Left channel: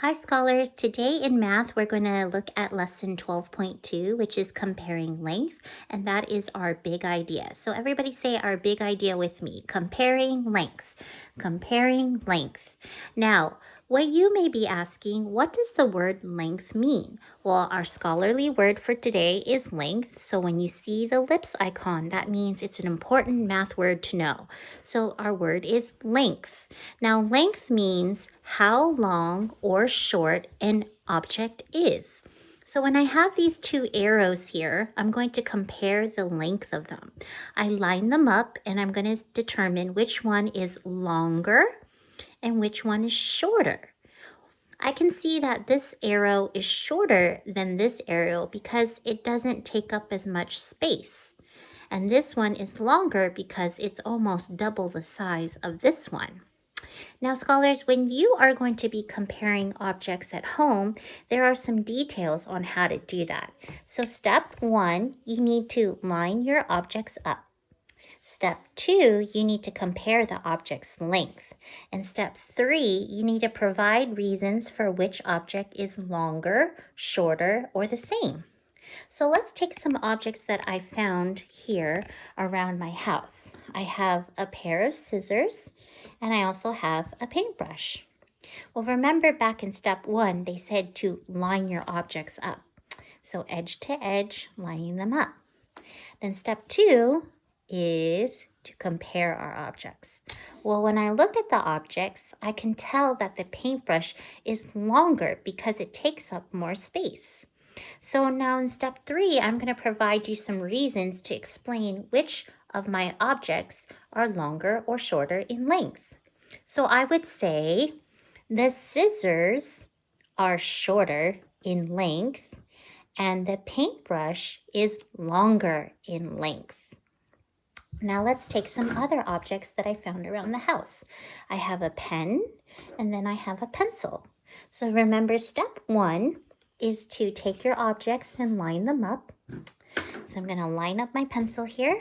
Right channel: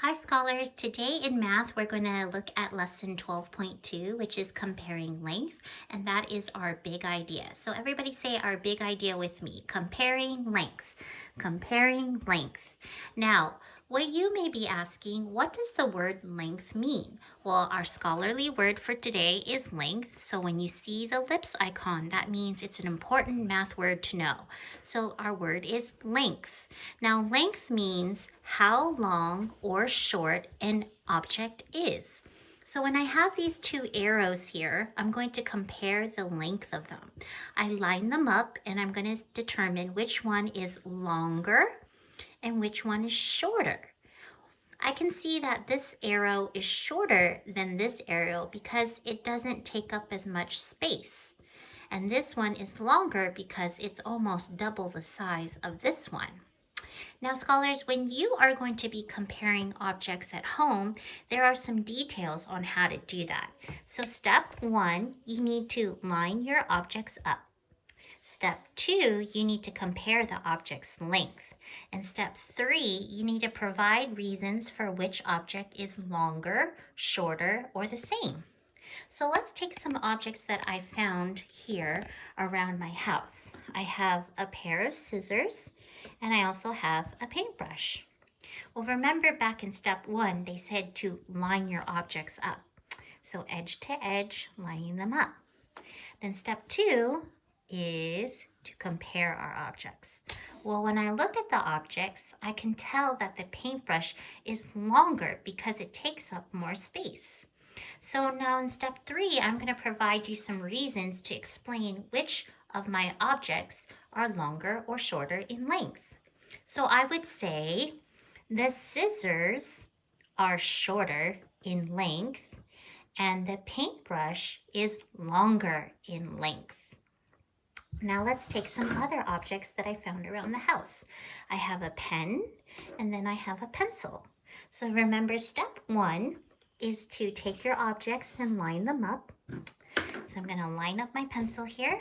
Hi scholars, today in math we're going to look at lesson 12.2, which is comparing length, and that is our big idea. So everybody say our big idea with me, comparing length, comparing length. Now, what you may be asking, what does the word length mean? Well, our scholarly word for today is length, so when you see the ellipse icon, that means it's an important math word to know. So our word is length. Now, length means how long or short an object is. So when I have these two arrows here, I'm going to compare the length of them. I line them up and I'm going to determine which one is longer and which one is shorter. I can see that this arrow is shorter than this arrow because it doesn't take up as much space. And this one is longer because it's almost double the size of this one. Now, scholars, when you are going to be comparing objects at home, there are some details on how to do that. So step 1, you need to line your objects up. Step 2, you need to compare the object's length. And step 3, you need to provide reasons for which object is longer, shorter, or the same. So let's take some objects that I found here around my house. I have a pair of scissors and I also have a paintbrush. Well, remember back in step 1, they said to line your objects up. So edge to edge, lining them up. Then step 2 is to compare our objects. Well, when I look at the objects, I can tell that the paintbrush is longer because it takes up more space. So now in step 3, I'm going to provide you some reasons to explain which of my objects are longer or shorter in length. So I would say the scissors are shorter in length and the paintbrush is longer in length. Now let's take some other objects that I found around the house. I have a pen and then I have a pencil. So remember step 1 is to take your objects and line them up. So I'm going to line up my pencil here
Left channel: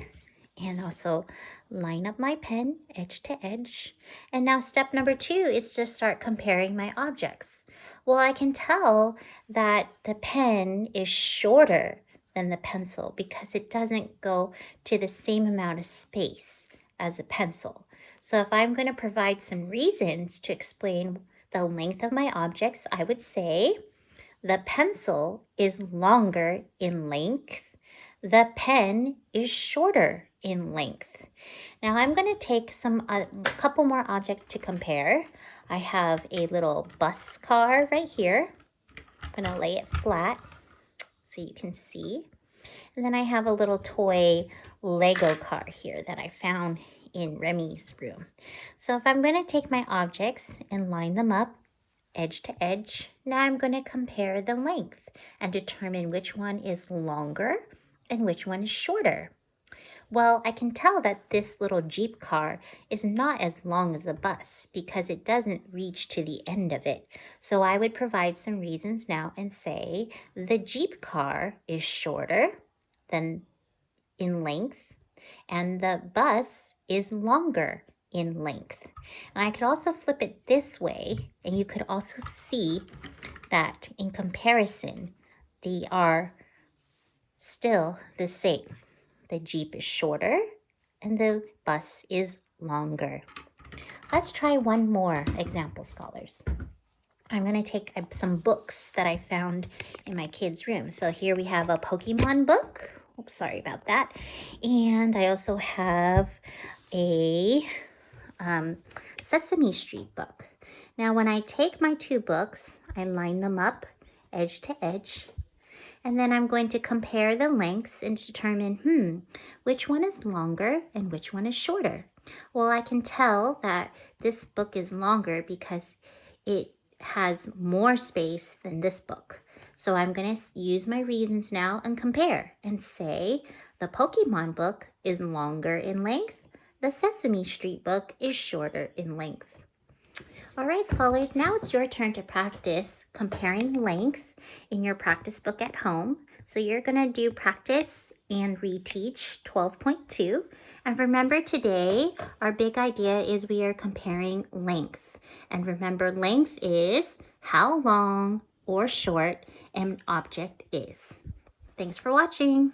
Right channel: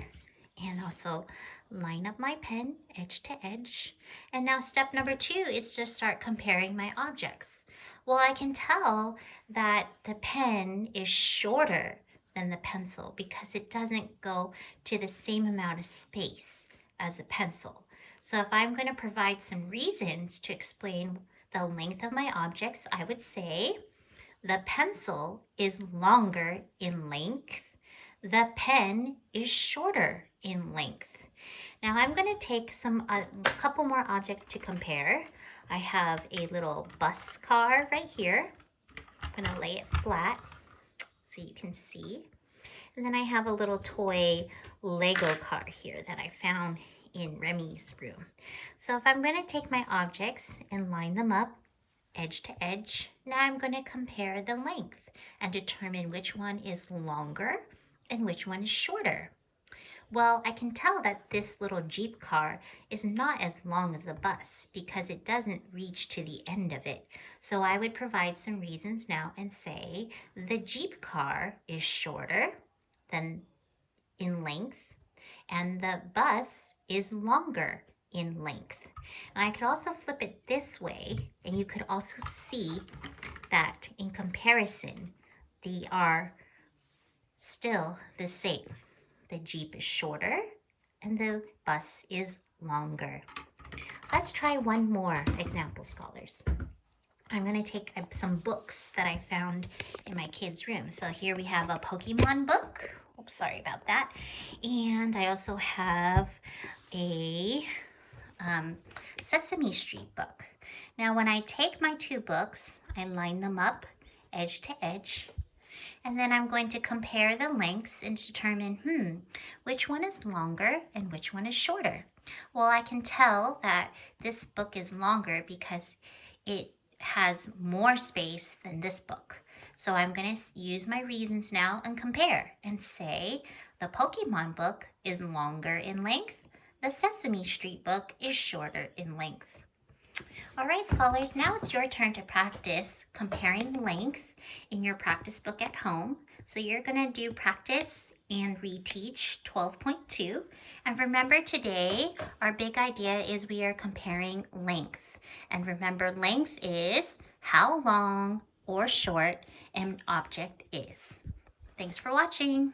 and also line up my pen edge to edge. And now step number 2 is to start comparing my objects. Well, I can tell that the pen is shorter than the pencil because it doesn't go to the same amount of space as a pencil. So if I'm going to provide some reasons to explain the length of my objects, I would say the pencil is longer in length. The pen is shorter in length. Now I'm going to take a couple more objects to compare. I have a little bus car right here. I'm going to lay it flat so you can see. And then I have a little toy Lego car here that I found in Remy's room. So if I'm going to take my objects and line them up edge to edge, now I'm going to compare the length and determine which one is longer and which one is shorter. Well, I can tell that this little Jeep car is not as long as a bus because it doesn't reach to the end of it. So I would provide some reasons now and say the Jeep car is shorter than in length and the bus is longer in length. And I could also flip it this way and you could also see that in comparison, they are still the same. The Jeep is shorter and the bus is longer. Let's try one more example, scholars. I'm going to take some books that I found in my kids' room. So here we have a Pokemon book. Oops, sorry about that. And I also have a Sesame Street book. Now when I take my two books, I line them up edge to edge. And then I'm going to compare the lengths and determine, which one is longer and which one is shorter. Well, I can tell that this book is longer because it has more space than this book. So I'm going to use my reasons now and compare and say the Pokemon book is longer in length. The Sesame Street book is shorter in length. All right, scholars, now it's your turn to practice comparing length in your practice book at home. So you're going to do practice and reteach 12.2. And remember today, our big idea is we are comparing length. And remember, length is how long or short an object is. Thanks for watching.